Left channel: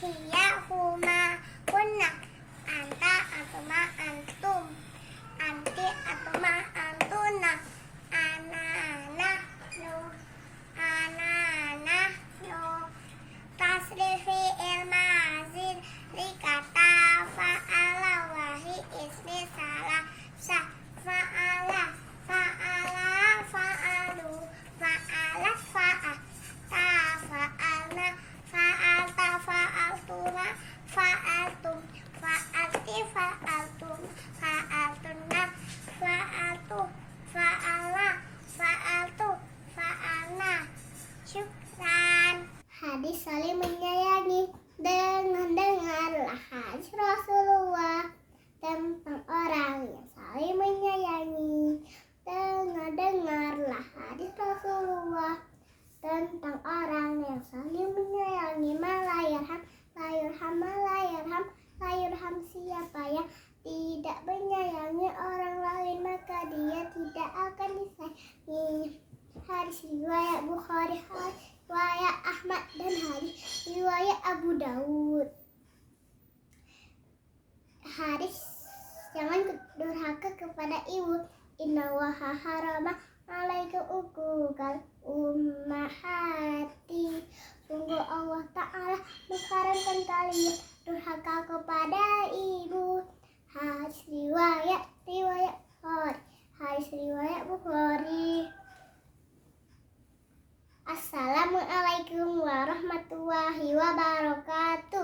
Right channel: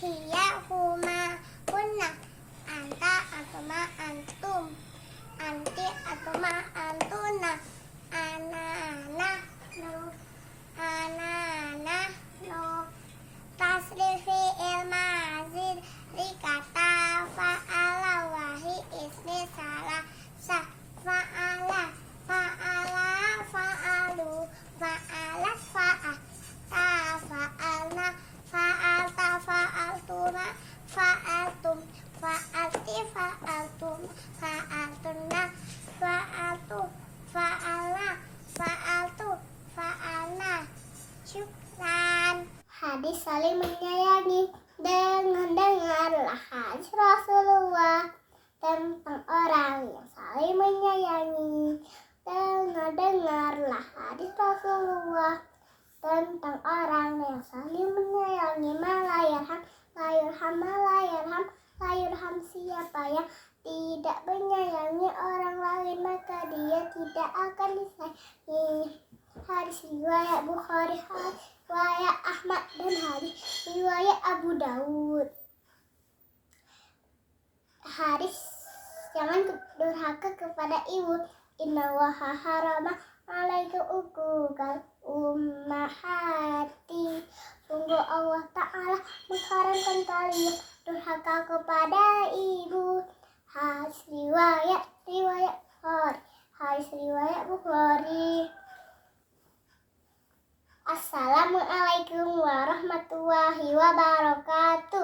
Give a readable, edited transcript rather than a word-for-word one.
hiya huma kunna, anta atuma antum, anti atuma antuna, ana nahnu, ana nahnu. Tasrifi ilmazid rikata fa'ala wahi ismi salah sah fa'ala fa'ala fa'alu fa'ala fa'a ta fa'alna fa'alta fa'altuna fa'altum fa'alti fa'altum fa'altunna fa'altu fa'alna fa'altu fa'alna. Syukran. Hadis saling menyayangi. Dengarlah hadis Rasulullah tentang orang yang saling menyayangi. Dengarlah hadis Rasulullah tentang orang yang saling menyayangi. Malayarham, layarham siapa yang tidak menyayangi orang lain maka dia tidak akan disayangi. Hadis riwayat Bukhari, riwayat Ahmad dan hadis riwayat Abu Dawud. Hadis jangan durhaka kepada ibu. Innallaha harama alaikum uquqal ummahati. Sungguh Allah Ta'ala mengharamkan kalian durhaka kepada ibu. Hadis riwayat Bukhari. Hadis riwayat Bukhari. Assalamualaikum warahmatullahi wabarakatuh.